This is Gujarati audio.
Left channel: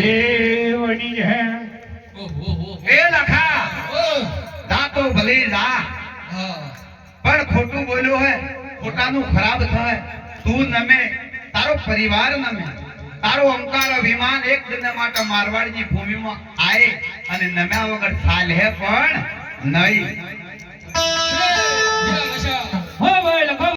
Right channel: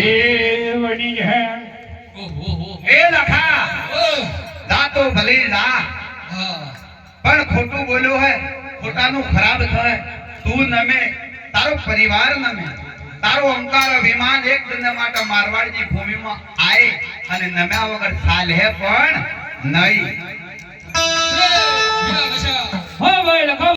હે હે. એ લખા. જા ભલે જા. પણ ખોટું બોલ્યો હે ખોટાનું ખરાબ થાય. તું નમે તારો પરિવાર નમે. તારો અંકાર અભિમાન એક દિન માટે મારવાડની ભૂમિમાં આય અને નમ્યા વગર ચાલે પણ નહીં.